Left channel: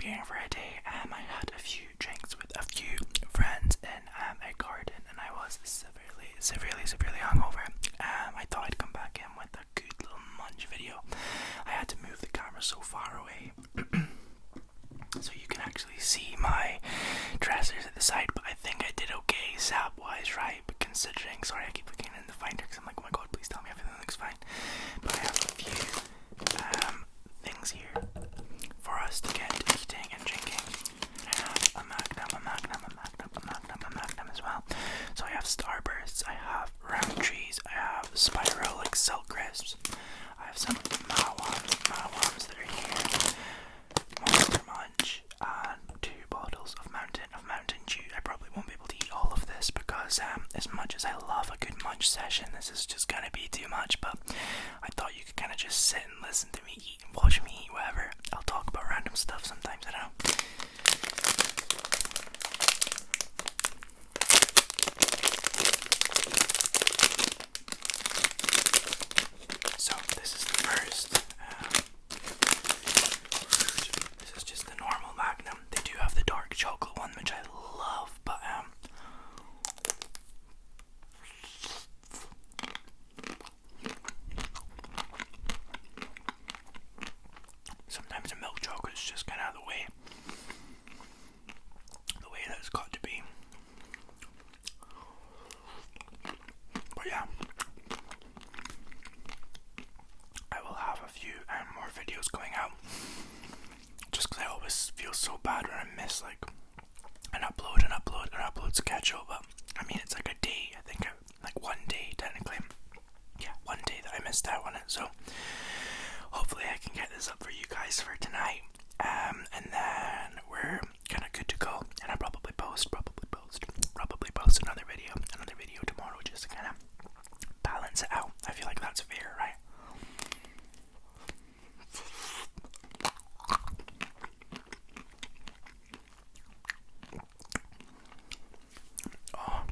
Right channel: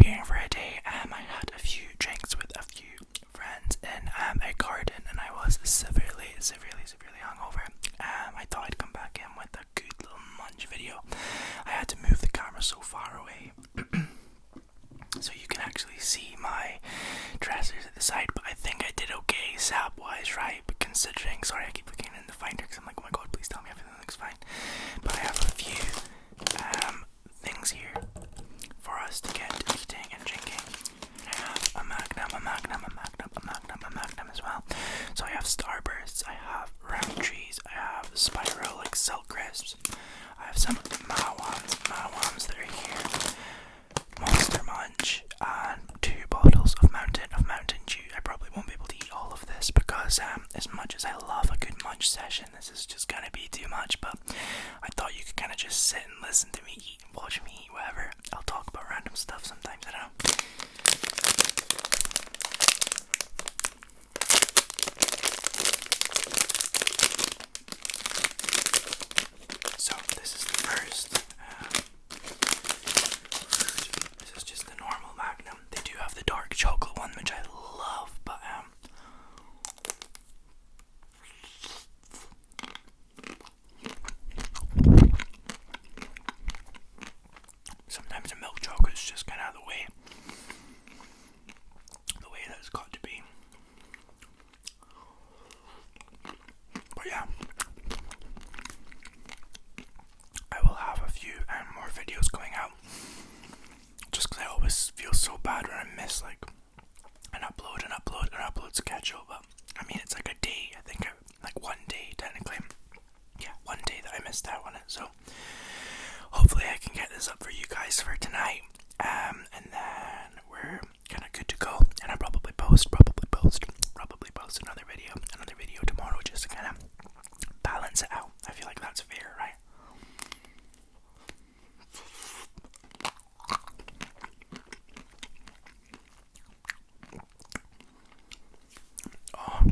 preparing for a day. I had a few drinks with a few friends in a garden, and I was severely hungover. I thought I'd come back in with a good little munch video. I had to move the camera so far away so you can actually see my dressers at the side, but I think I did okay sap wise, right? But considering, sorry, I keep looking in the finder because I'm like, oh my god, please tell me everything looks fine. But I have a few things here for us to get eating and drinking. I have a magnum as well. So I have Starbursts, I have round trees, I have spiral like silk crisps, I have some Maoams that are here, Monster Munch, and 2 bottles of Mountain Dew. I probably won't be able to eat all of this because as much as I love a good munch session, this is just gonna be too much, but I thought you could kind of just sit and listen to me eat and watch me eat whatever. I'll talk about random stuff sometimes, I don't know. So this is the first. This is just the normal Magnum. They do have the dark chocolate one, which I love, but sometimes a milk chocolate is just kind of the way that it's got to be. But yeah, I will have a few more videos going out, just because I always feel so bad when I miss like an upload schedule. But I mean, it's like a day, I think, like one day technically. Yeah, one day that I missed out on it. So hopefully I can get this up for you guys for tonight, and then we're kind of good to go. And I'll probably post another video tomorrow, just to kind of balance it out. I feel like that's fair, right? Oh.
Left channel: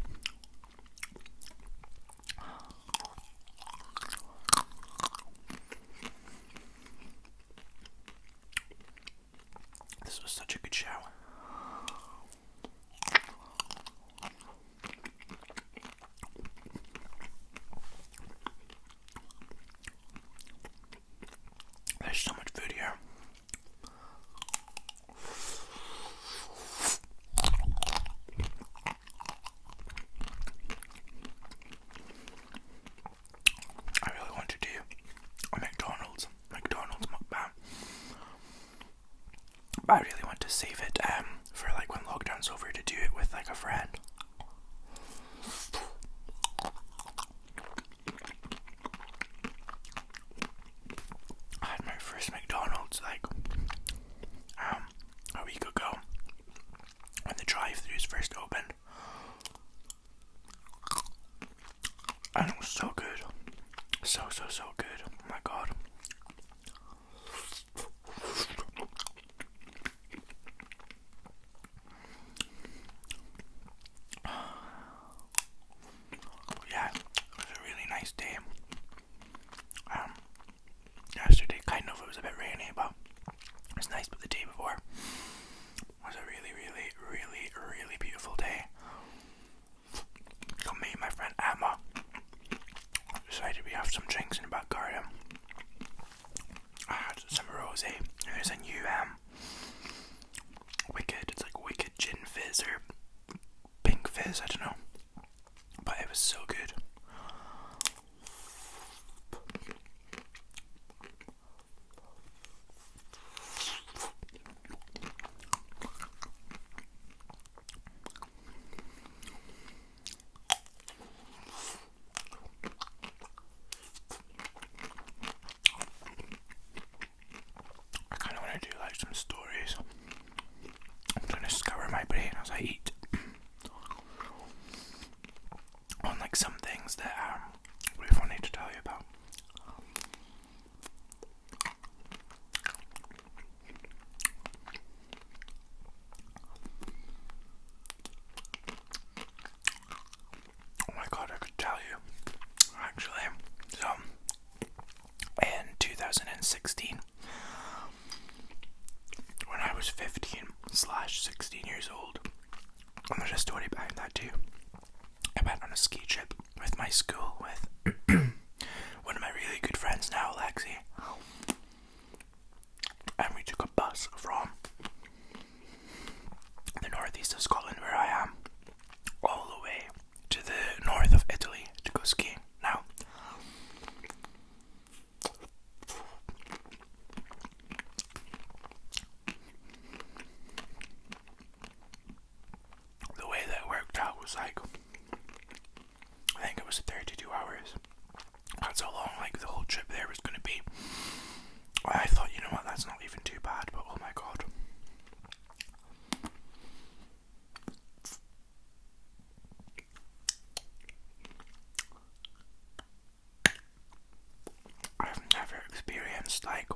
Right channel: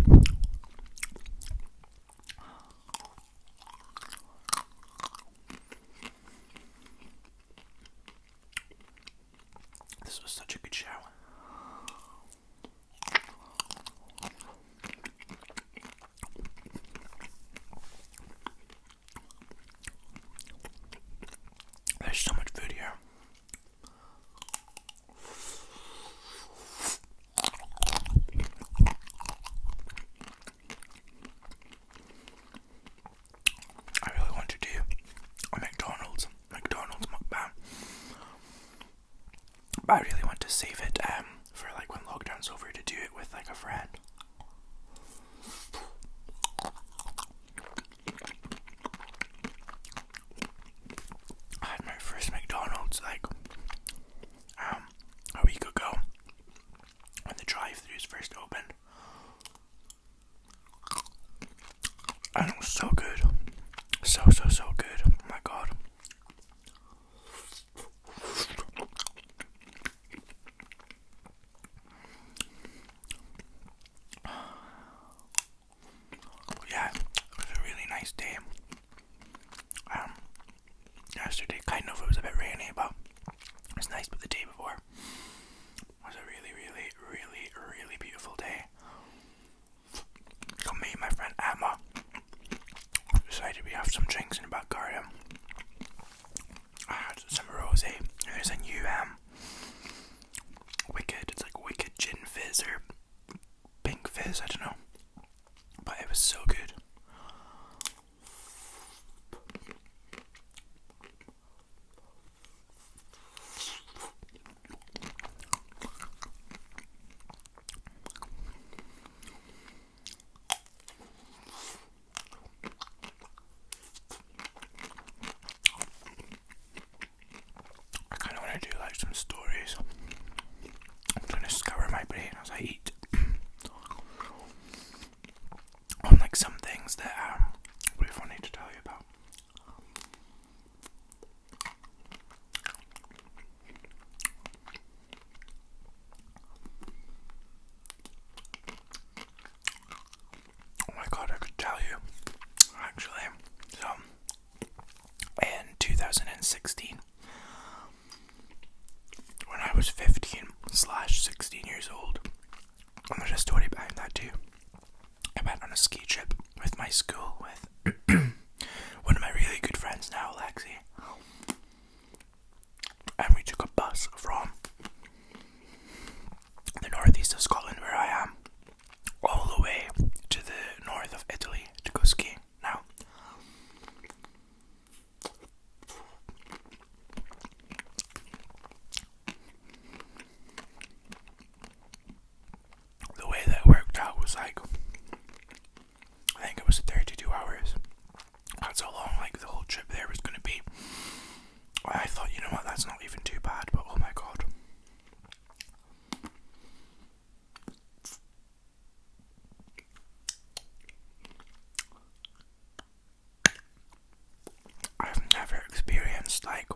This was such a good shower. There's so much food here. I really want to do a McDonald's mukbang, but I really want to save it for like when lockdown's over, to do it with like a friend. I had my first McDonald's like a week ago when the drive-thrus first opened, and it was so good, so good. Oh my god. Yeah, it was a really nice day. Yesterday it was a bit rainy, but it was nice. But the day before was a really beautiful day. So me and my friend Emma decided we have some drinks in the back garden. I had some rosé. There's a new it's like wicked gin fizz or pink fizz, I don't know, but it was so good. I kind of want to do like some stories. I'm trying to scour my brain as I eat on like some things that would be funny to tell you about. Oh my god, I could tell you actually. So in 2016, when I was 15, ski trip with my school, with one of my really good friends now, Lexi. And we took a bus from the northeast of Scotland, where I am, all the way to the north of Italy to go skiing. Now, the way that it worked out was like, I think it was 32 hours. That's how long like the whole trip there was going to be. I thought, you know what, that's not even too bad, but oh my god. I've never experienced like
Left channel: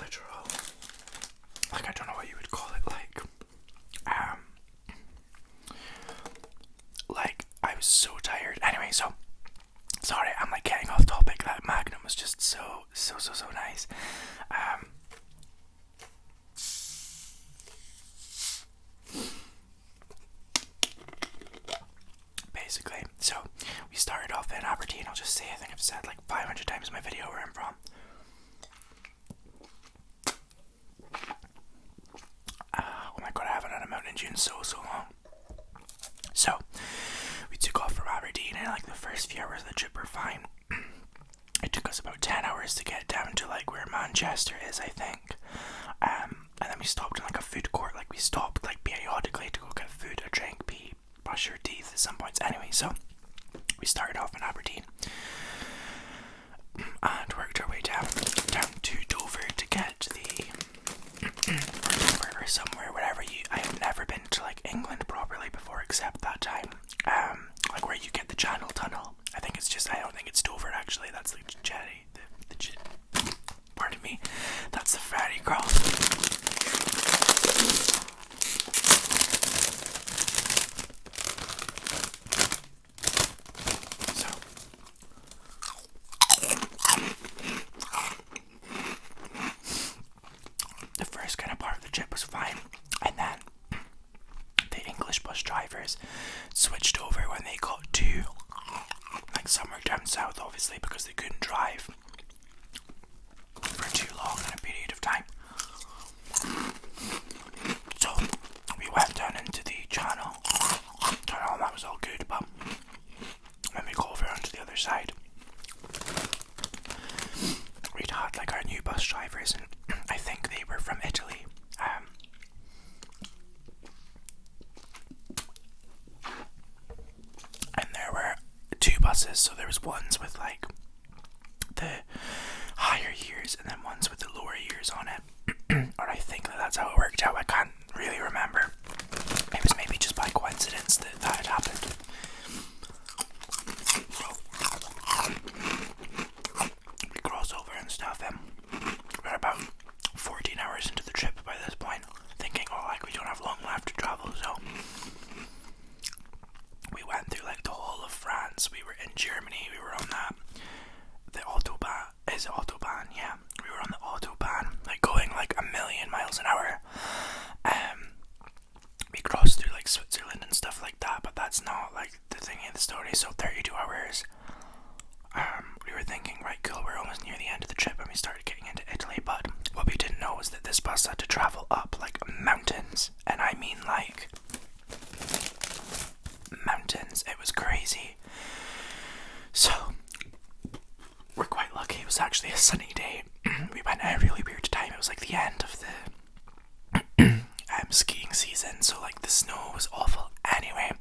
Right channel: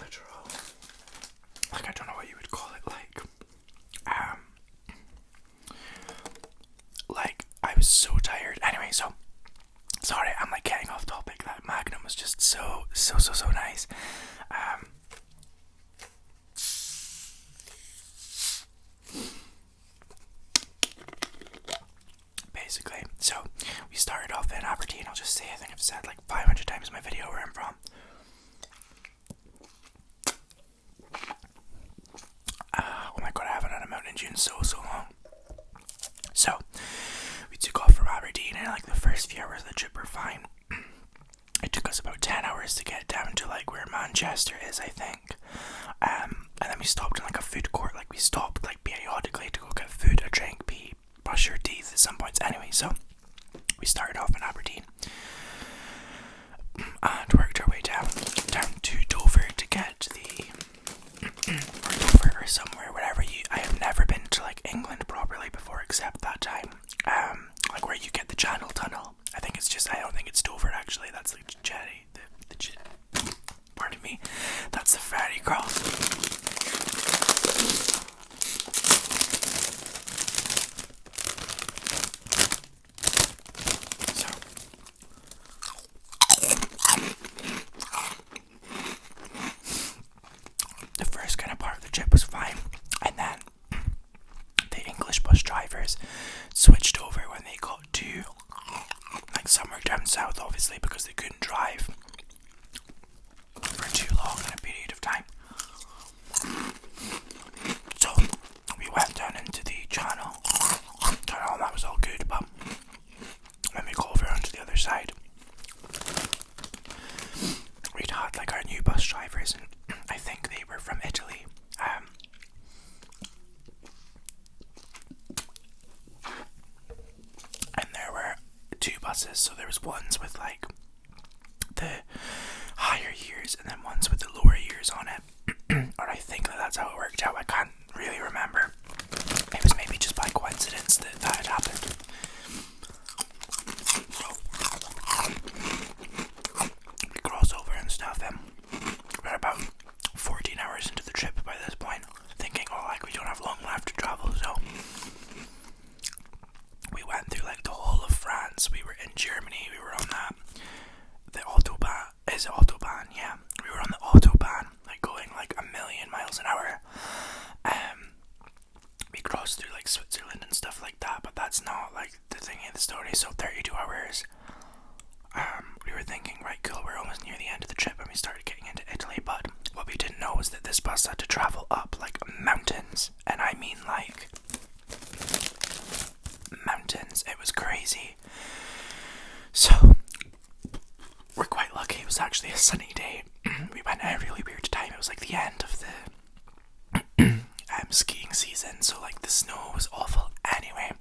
literal, like I don't know what you would call it, like I was so tired. Anyway, so sorry, I'm like getting off topic. That Magnum was just so nice. Basically, so we started off in Aberdeen. I'll just say, I think I've said like 500 times in my video where I'm from. Oh my god, I haven't had a mountain dune in so long. So we took off from Aberdeen, and like the first few hours of the trip were fine. It took us about 10 hours to get down to like where Manchester is, I think. And then we stopped in like a food court. Like we stopped like periodically to go get food, a drink, pee, brush your teeth at some points. Anyway, so we started off in Aberdeen and worked our way down to Dover to get the or Dover or somewhere, whatever you. I have never been to like England properly before, except that time. Like where you get the Channel Tunnel. I don't think it's Dover actually. That's like Jetty. Pardon me. That's the ferry cross. So the first kind of part of the trip was fine, and then the English bus drivers switched over when they got to like somewhere down south, obviously, because they couldn't drive for too long in a period of time. So we went down into the channel, and that was all good, but when we got over onto the other side, we'd had like our new bus drivers, and I think they were from Italy. And there were two buses, so there was ones with like the higher years and then ones with the lower years on it. Or I think that's how it worked out. I can't really remember. It was maybe just by coincidence that had happened. So we crossed over and stuff, and we're about 14 hours into the trip by this point, thinking, oh, like we don't have long left to travel, so we went through like the whole of France. We were in Germany. We were on the Autobahn. Is it Autobahn? Yeah. We were on the Autobahn, like going like 1,000,000 miles an hour. We crossed through like Switzerland and stuff like that, but that's not like the thing in the story. So 32 hours. We were thinking, right, cool, we're almost near the end of the trip, and we started getting into Italy. But what we didn't know was that this bus had to travel up like mountains, and I mean like mountains. It was crazy. So we're quite lucky. It was actually a sunny day. We went at a really weird time. It was like the end of the skiing season, so like the snow was awful. Anyway,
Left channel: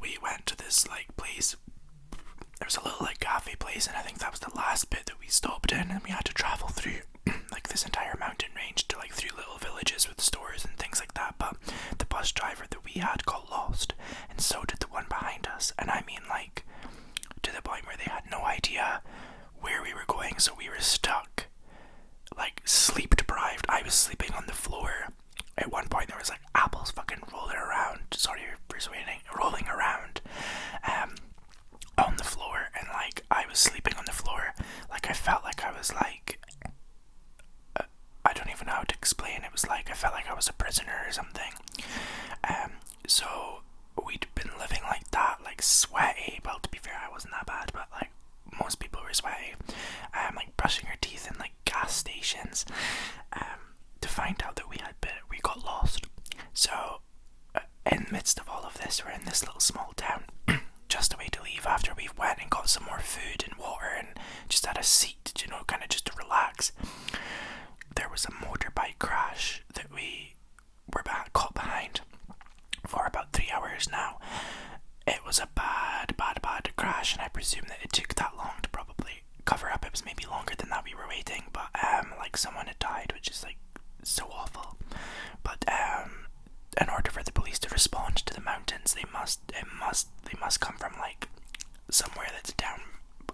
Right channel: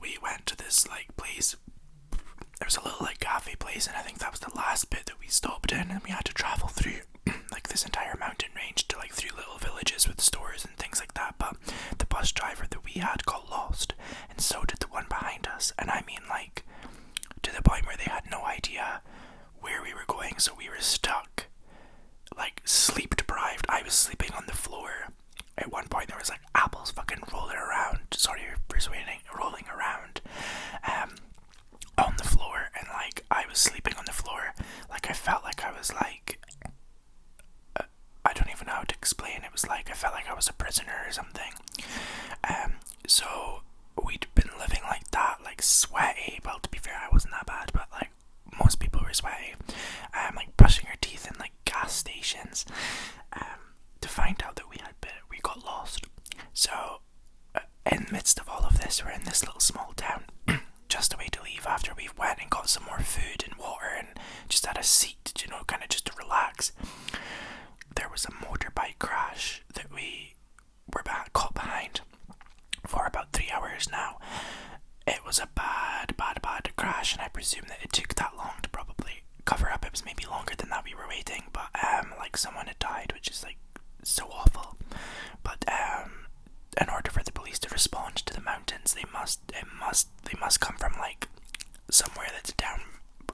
we went to this like place. There was a little like cafe place, and I think that was the last bit that we stopped in, and we had to travel through like this entire mountain range to like through little villages with stores and things like that. But the bus driver that we had got lost, and so did the one behind us, and I mean like to the point where they had no idea where we were going, so we were stuck, like sleep deprived. I was sleeping on the floor. At one point there was like apples fucking rolling around, rolling around on the floor, and like I was sleeping on the floor. Like I felt like I was like were sweaty, like brushing our teeth in like gas stations, to find out that we got lost. So in the midst of all of this, we're in this little small town, just a way to leave after we went and got some more food and water and just had a seat, you know, kind of just to relax. There was a motorbike crash that we were caught behind for about 3 hours now. It was a bad crash, and I presume that it took that long to probably cover up. It was maybe longer than that we were waiting, but like someone had died, which is like so awful. But in order for the police to respond to the mountains, they must come from like somewhere that's down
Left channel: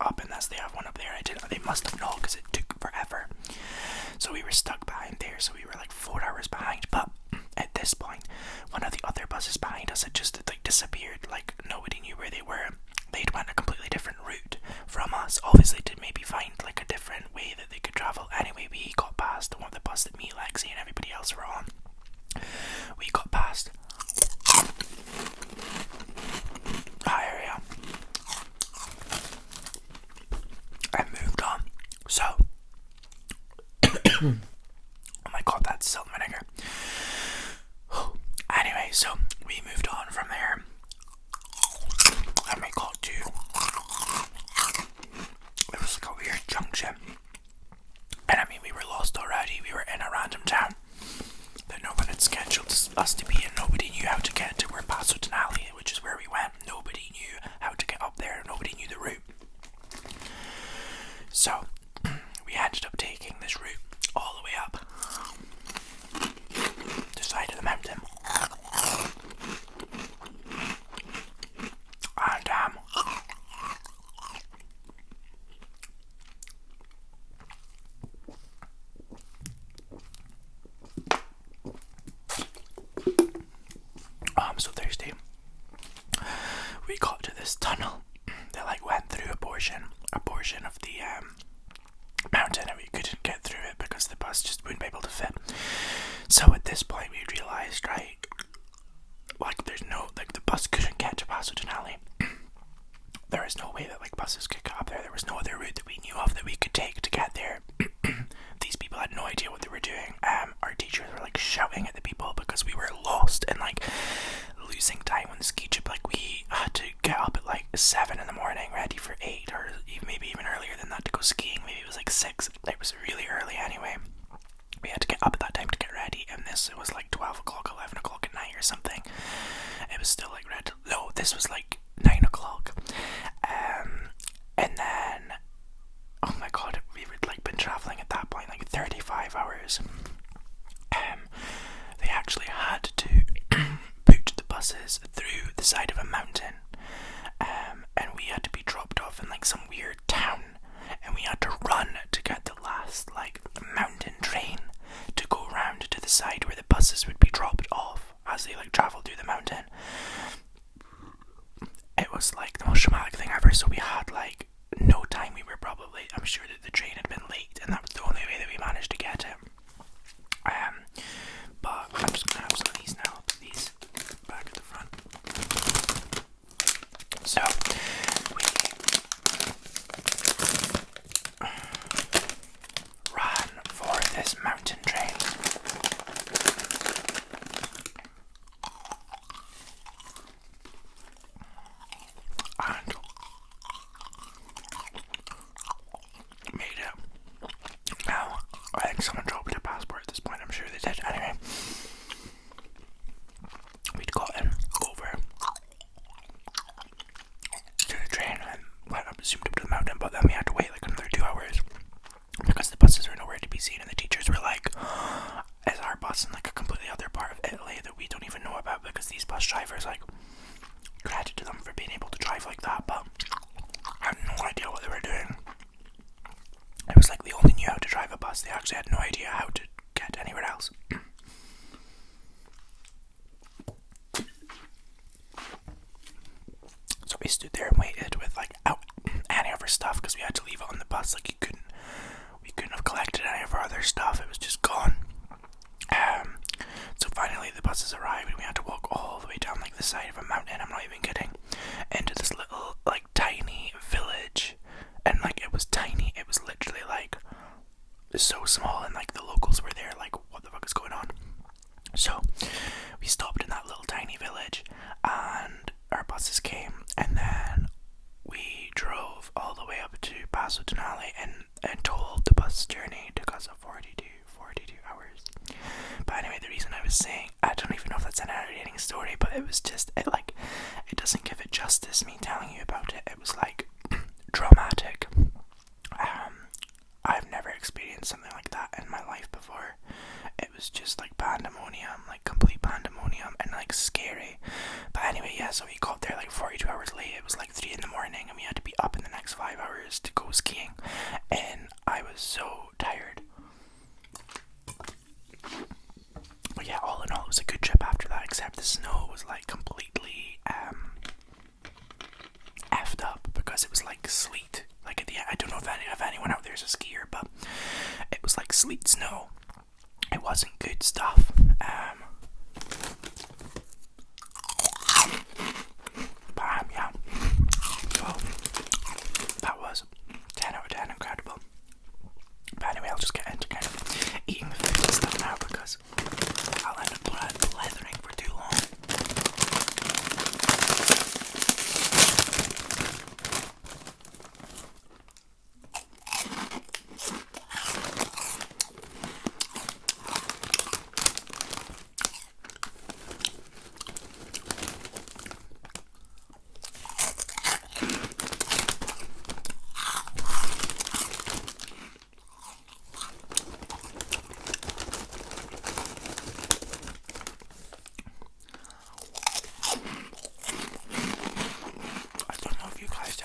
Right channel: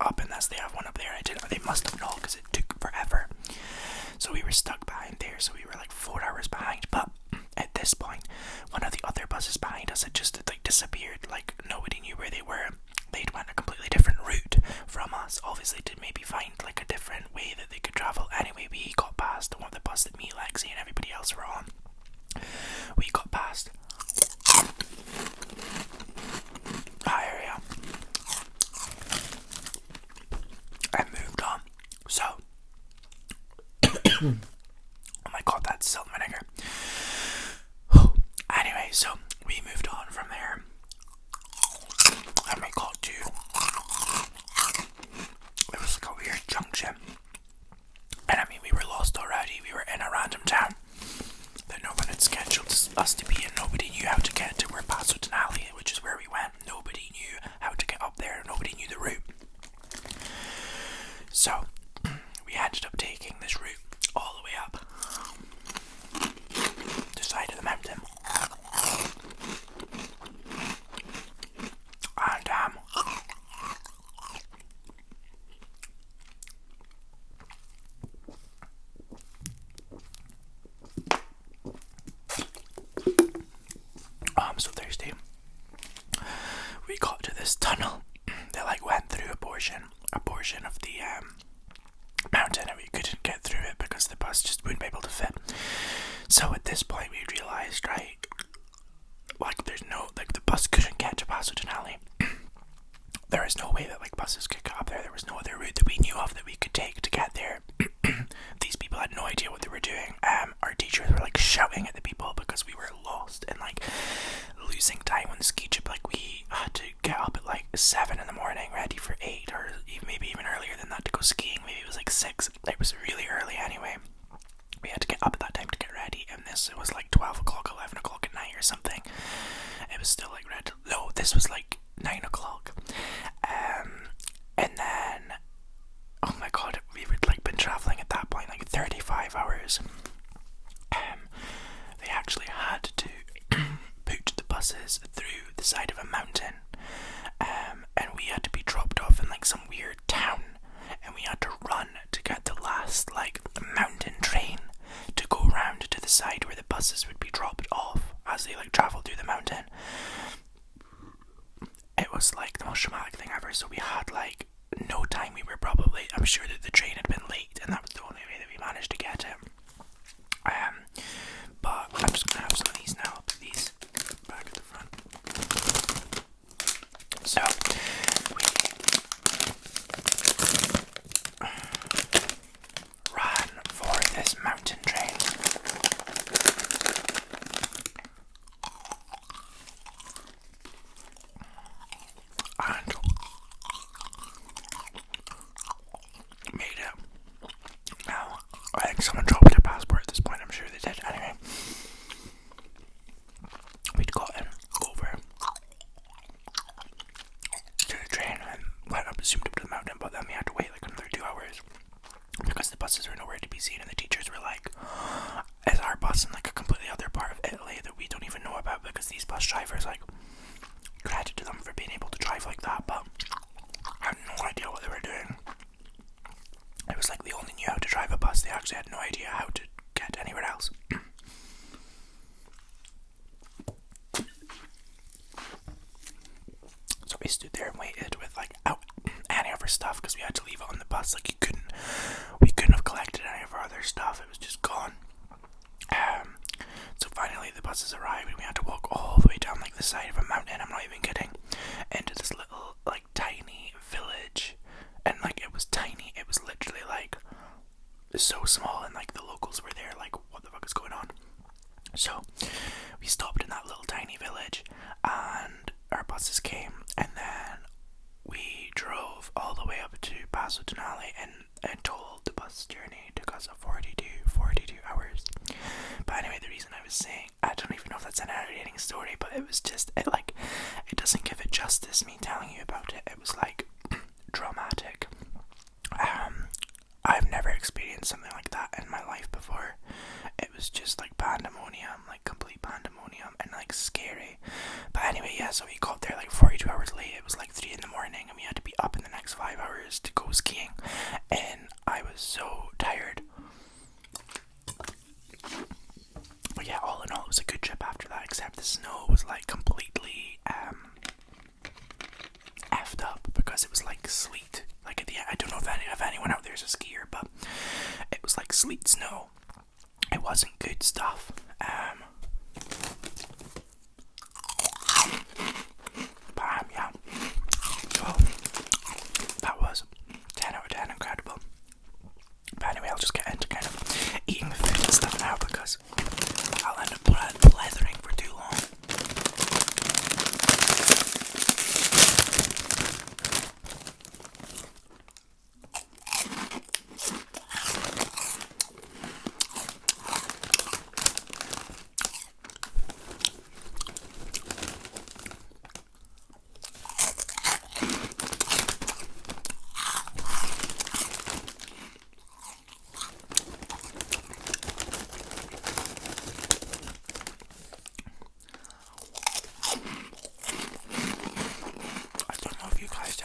up, unless they have one up there. They must have not, because it took forever. So we were stuck behind there, so we were like 4 hours behind. But at this point, one of the other buses behind us had just like disappeared. Like nobody knew where they were. They'd went a completely different route from us, obviously to maybe find like a different way that they could travel. Anyway, we got past the one of the bus that me, Lexi, and everybody else were on. We got past that area and moved on. So oh my god, that's salt and vinegar. Anyway, so we moved on from there, and we got to, it was like a weird junction, and I mean, we were lost already. We were in a random town that no one had scheduled us to be in. Nobody knew how to get to where Tingles, which is where we went. Nobody knew how to get up there. Nobody knew the route. So we ended up taking this route all the way up the side of the mountain, and I'm so thirsty. We got to this tunnel that like went through a portion of the mountain, and we couldn't get through it because the bus just wouldn't be able to fit. So at this point we realised, right, like there's no, like the bus couldn't get to Tingles. There is no way that like buses could get up there. There was no other route that we knew of that we could take to get there. These people had no idea what they were doing. Our teachers were like shouting at the people because we were lost and like losing time on the ski trip. Like we had to get up at like 7 in the morning, ready for 8, or maybe even earlier than that to go skiing. Maybe it was like 6. It was really early anyway. We had to get up at that time to get ready, and it was like 12 o'clock, 11 o'clock at night or something. It was still like red. No, this was like 9 o'clock. And then, oh my god, we would like been traveling at that point like 35 hours. They actually had to put the buses through the side of a mountain, and we had to be dropped off in like some weird town, and we had to run to get the last like mountain train to go round to the side where the buses would be dropped off as they like traveled through the mountain. It was like the most traumatic thing ever. So we had like no time. We were probably, I'm sure that the train had been late, and that was the only way that we managed to get it. But I'm just gonna have some of these now. I'll put these back at the front. So we ran for this mountain train. And made it. Now, I think someone dropped their passport at this point. I'm sure they did. Anyway, we'd gotten over to the train and went up, zoomed up to the mountain, but then we had to wait like another 2 hours because the buses were nowhere to be seen, and the teachers were like, is our bus in like a completely other part of Italy that we don't even know about? Because these bus drivers, like, credit to them for being able to drive like that, but I had no idea what they were doing. It was like they only knew how to drive a bus. They actually had no idea how to get anywhere else. So we stood there and waited with like any of our stuff because we had to leave it on the bus. Like we couldn't have collected any of our other stuff. It was just gone. So finally the buses arrived and we had to walk all the way down like the side of a mountain. I'm not even kidding. Into this little like tiny village, and like it was up to Paso Denali, and total the bus journey took us 42 hours. But anyway, the reason I was saying, I don't even know if that's an entertaining story, but it was just, it doesn't give it justice, me telling you about it. It was like dramatic. I've never experienced something like that in my life before. It was just like pandemonium, like complete pandemonium, and like scary. But anyway, yeah, so we got there like 42 hours late. It was like 3 in the morning, and we had to be up in the next 5 hours to go skiing, and I was so tired. But yeah, all in all, it was a good trip after that, except the snow was like completely effed up, because it was like sleet. Like at the end, I don't know if anyone out there is a skier, but it was like sleet snow. It wasn't good stuff. Yeah. So that was 10 out of 10, incredible. But anyway, I'll just get into kind of eating the food and stuff now, because I'll end up blethering for too long.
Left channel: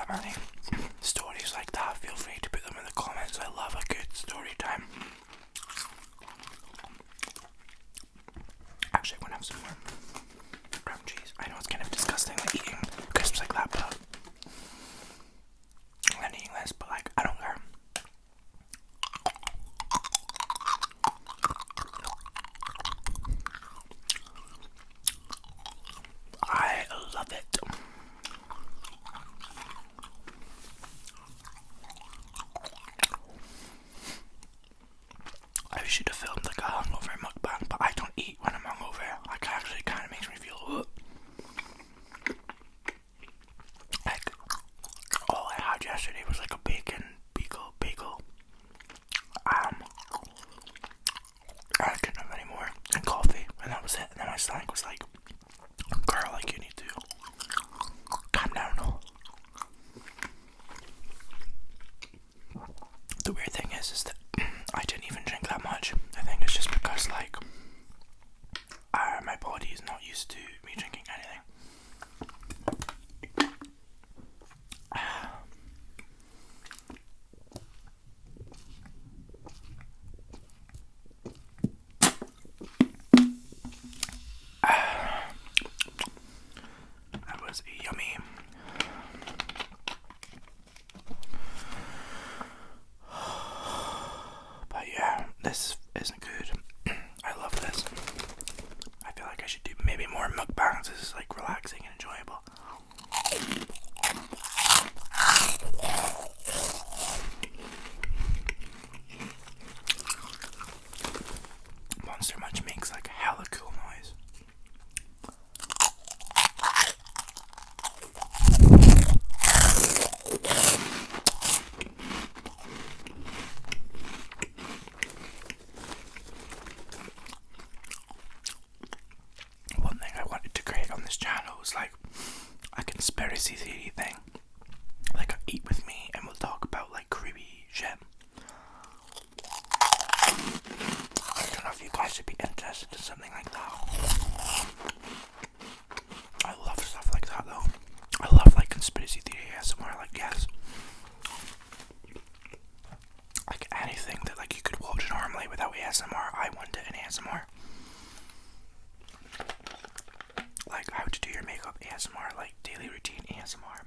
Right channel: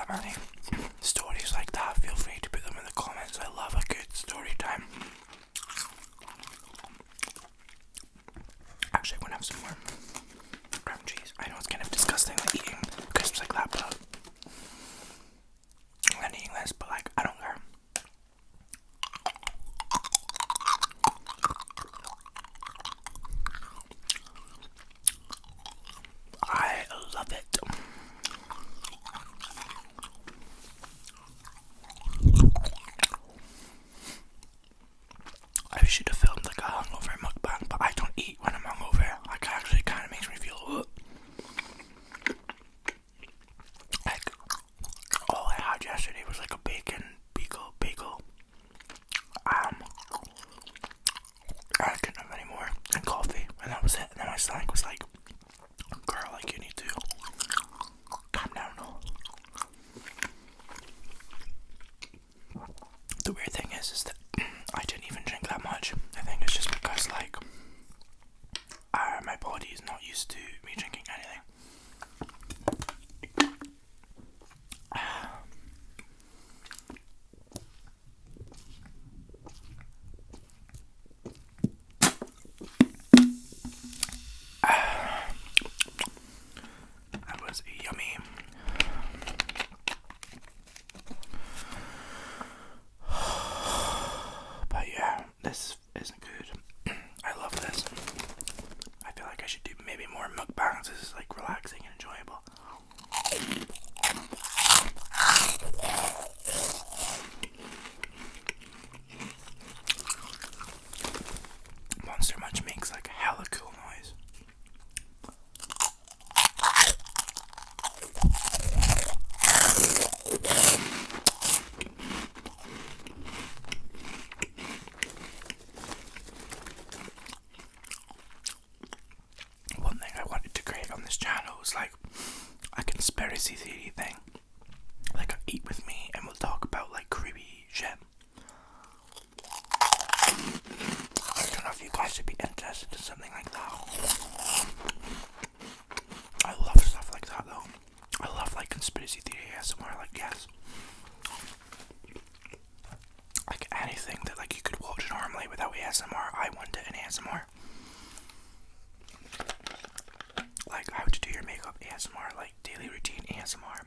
Any stories like that, feel free to put them in the comments. I love a good story time. Actually, I'm gonna have some more cream cheese. I know it's kind of disgusting, like eating crisps like that, but I'm eating this, but like, I don't care. I love it. I should have filmed like a hungover mukbang, but I don't eat when I'm hungover. Like, actually kind of makes me feel like all I had yesterday was like a bacon bagel. I couldn't have any more, and coffee, and that was it. And then my stomach was like, girl, like, you need to calm down. The weird thing is that I didn't even drink that much. I think it's just because like my body is not used to me drinking anything. That was yummy. But yeah, this isn't good. I love this. I feel like I should do maybe more mukbangs. This is like relaxing and enjoyable. Monster Munch makes like a hella cool noise. One thing I wanted to create on this channel was like a conspiracy theory thing. Like, eat with me and we'll talk about like creepy shit. I don't know if you guys would be interested in something like that. I love stuff like that though. I love like conspiracy theory ASMR, like, yes. Like anything that like you could watch normally without ASMR, I want it in ASMR. Like how to do your makeup ASMR, like daily routine ASMR.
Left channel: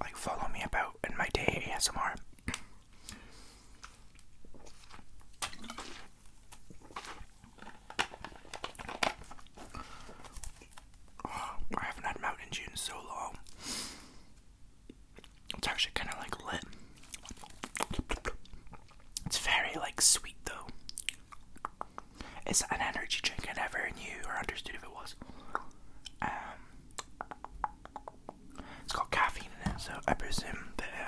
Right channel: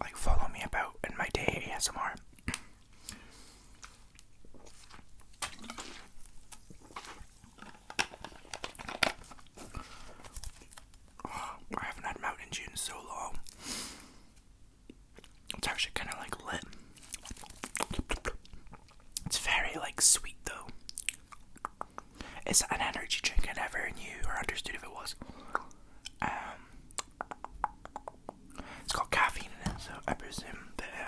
Like follow me about in my day ASMR. I haven't had Mountain Dew in so long. It's actually kind of like lit. It's very like sweet though. Is that an energy drink? I never knew or understood if it was. It's got caffeine in it, so I presume that it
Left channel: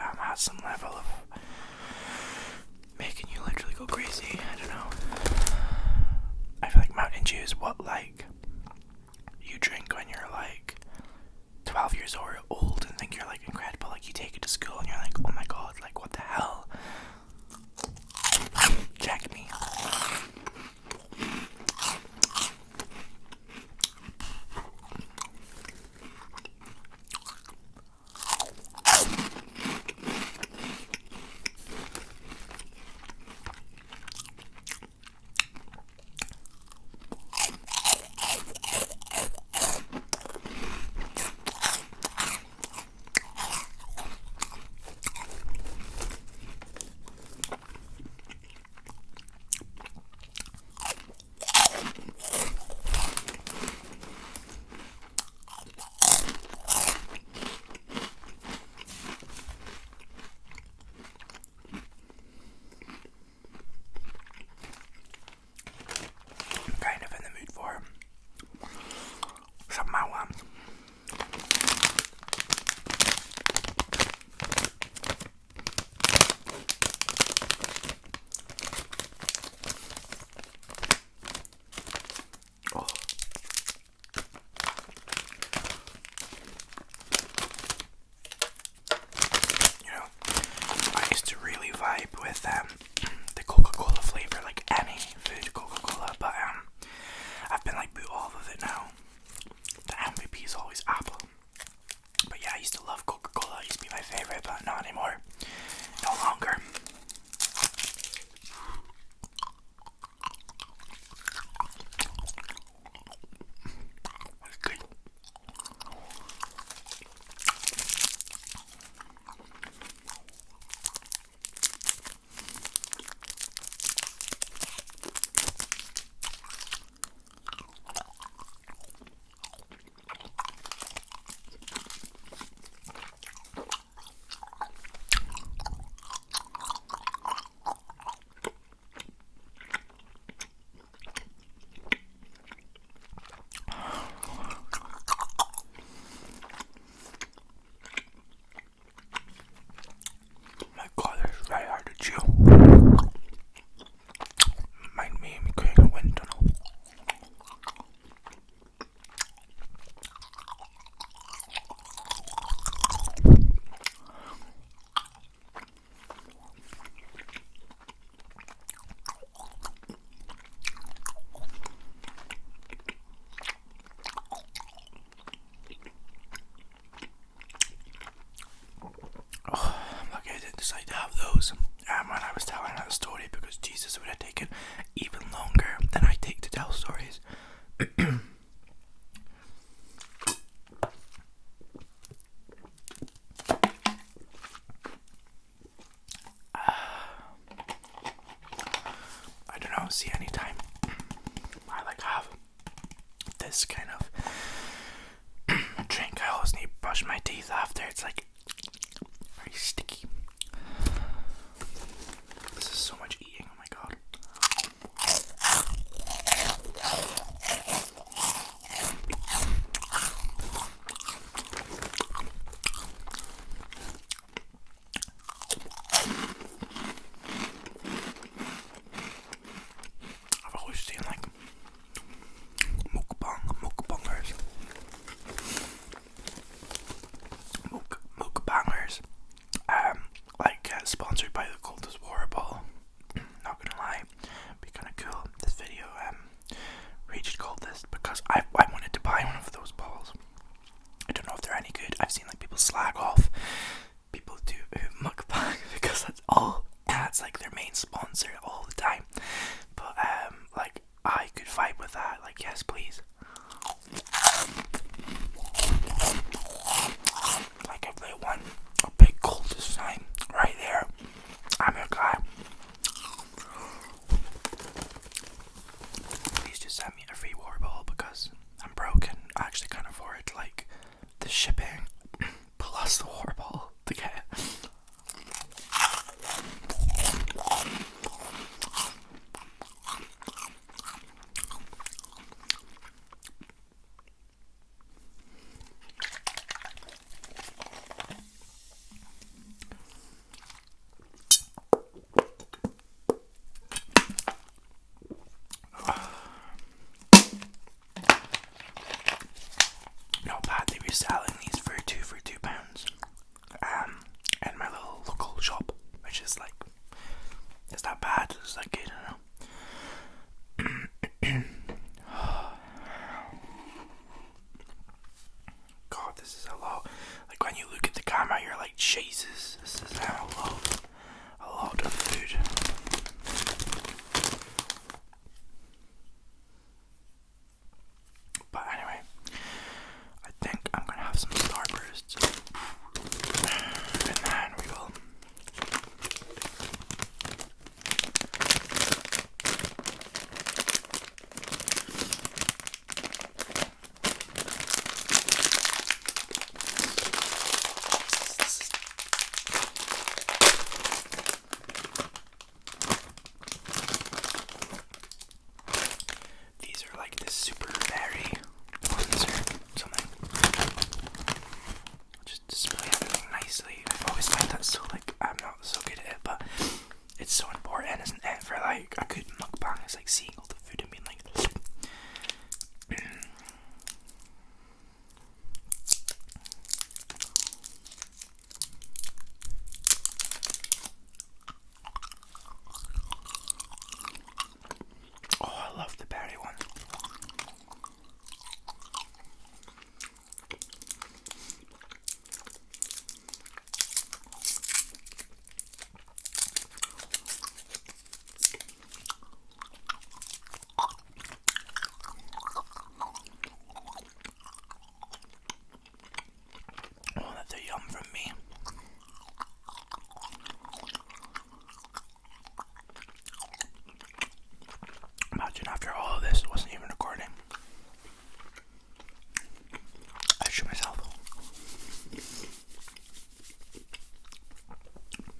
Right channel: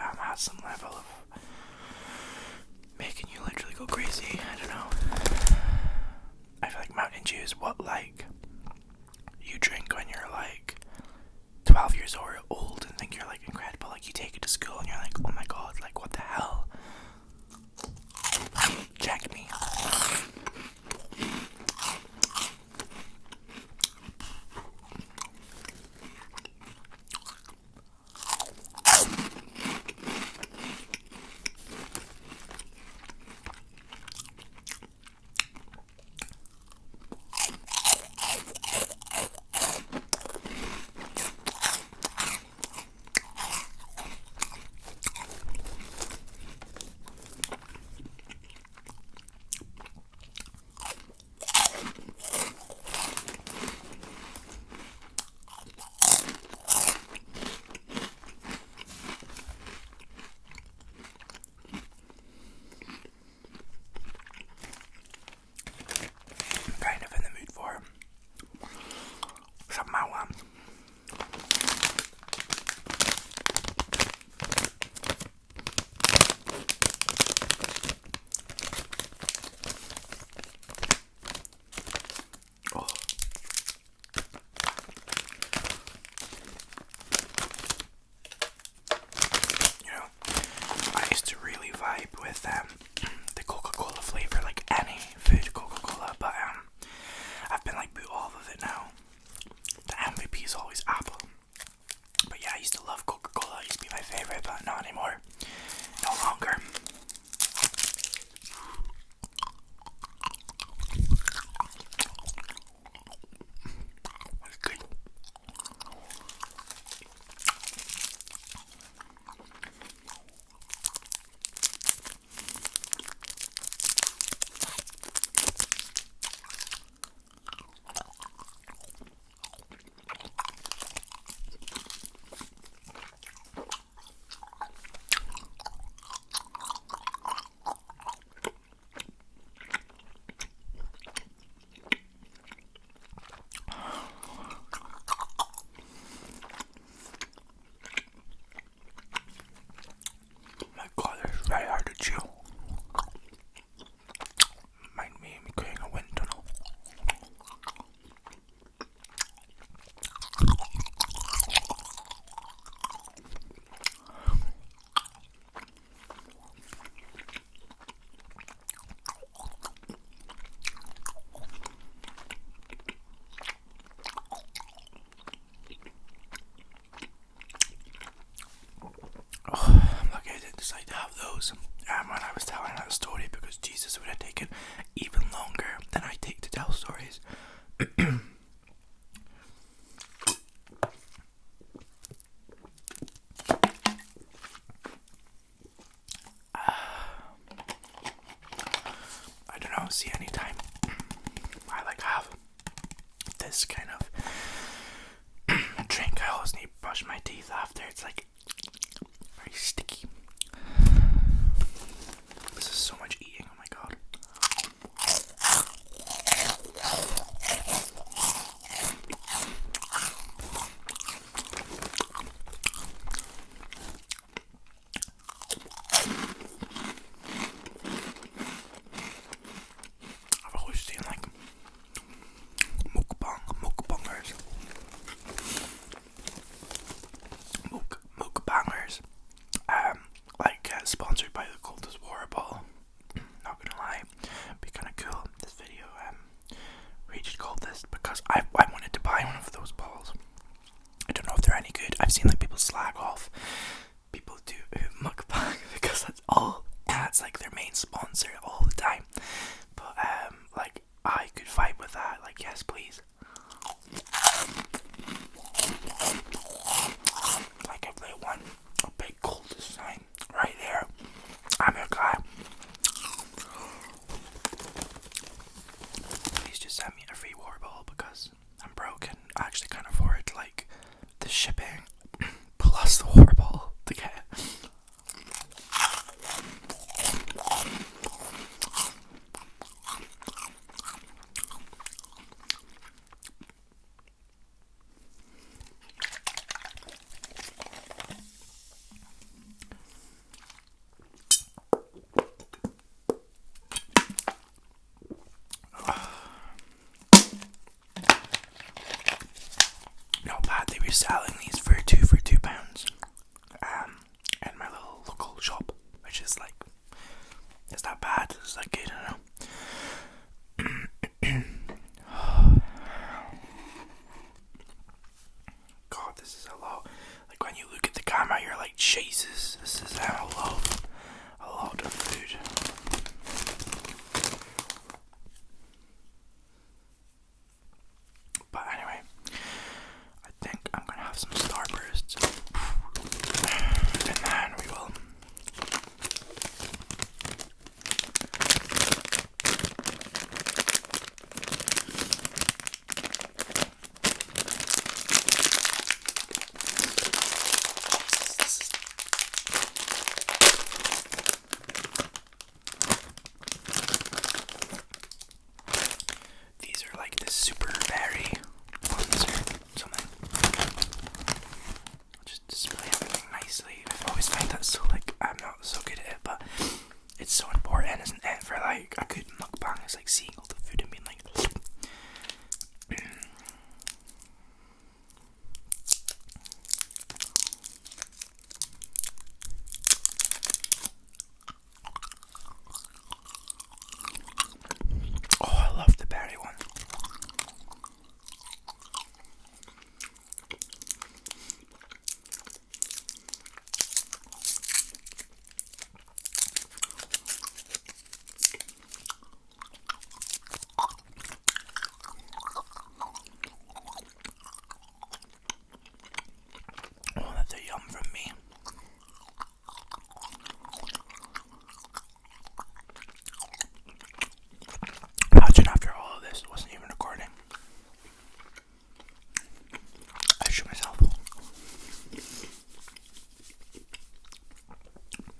excited to have those when I was telling that story, because Jesus, it would have taken even longer than I take to tell stories. I don't know, see, anytime I like have this kind of drink, I always need to brush my teeth after. It's like very sticky. This is so much eating, oh my god. I've always seen like mukbangers. Mukbangers. Sponsored by the Coldest Water Bottle. Not gonna lie, be kind of cool. This video reached Coldest because I wanted to buy one of those bottles. I don't know if they're any good. I've seen like people slag off people do mukbang because that's like their main sponsor all the time. But like I could vibe with that. Like, yes, please. Like if they want a big Coldest sign right there, I'm your guy. Please just send me a free water bottle because I'm broke and I actually can't afford like the shipping plus the water bottle to get it. Not bad, they were selling these for £2 in my little local shop, which is like, it's not bad, it's like good, I don't know. God, this is a lot. Like when you look at the camera, you're like, Jesus, this is a lot of food. But anyway, I think I'm gonna have some Starbursts, and then we will these are like this super berry ones or something. I'll just display everything nicely. I've always found that so like I'm not so good at it, but it's so important, isn't it, for like a good mukbang? It's like seeing all the food and being like oh, I love the berry one. Oh, that's a yum from me. Imagine after all of this, it wasn't even recording. I shoot myself.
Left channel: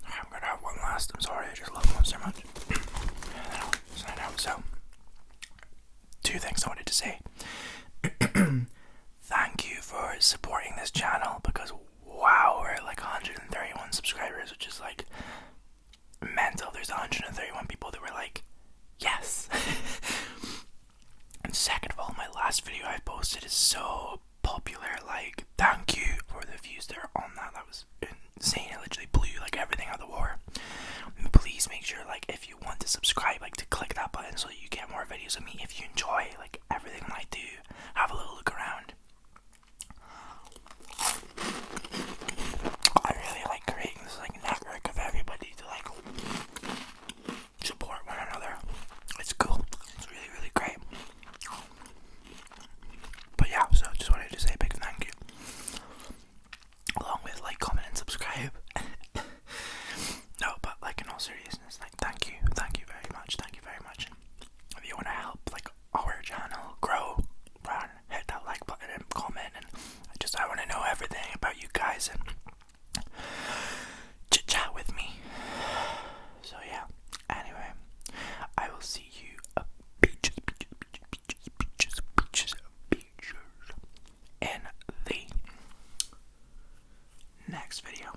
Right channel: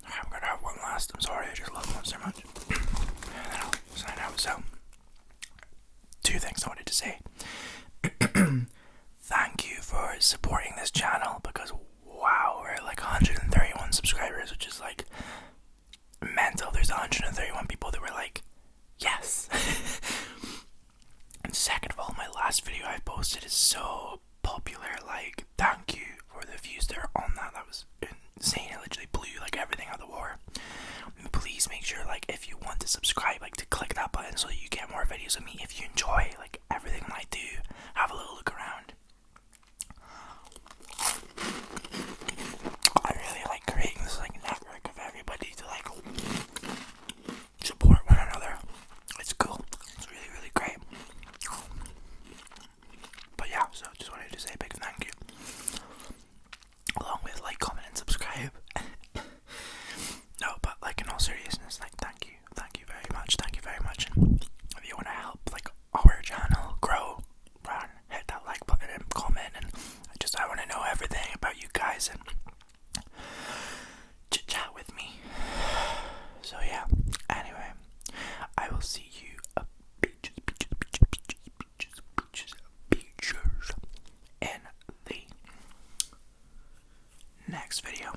I'm gonna have one last. I'm sorry, I just love them so much. And then I'll sign out. So, two things I wanted to say. Thank you for supporting this channel, because wow, we're at like 131 subscribers, which is like mental. There's 131 people that were like, yes. And second of all, my last video I posted is so popular. Like, thank you for the views that are on that. That was insane. It literally blew like everything out of the water. And please make sure, like, if you want to subscribe, like, to click that button so that you get more videos of me. If you enjoy like everything I do, have a little look around. I really like creating this like network of everybody next video.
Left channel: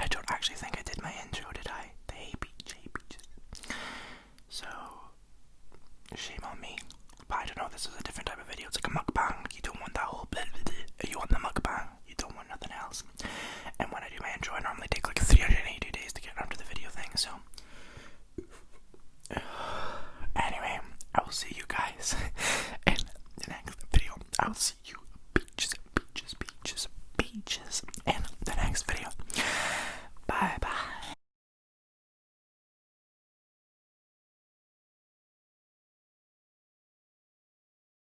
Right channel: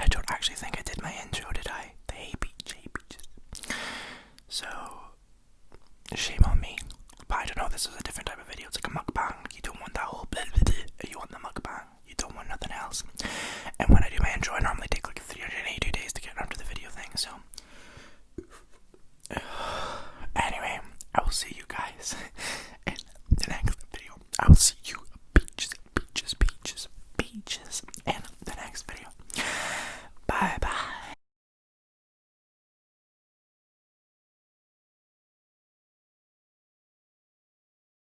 I don't actually think I did my intro, did I? The hey beeches. So, shame on me. But I don't know, this is a different type of video. It's like a mukbang. You don't want that whole blah, blah, blah. You want the mukbang.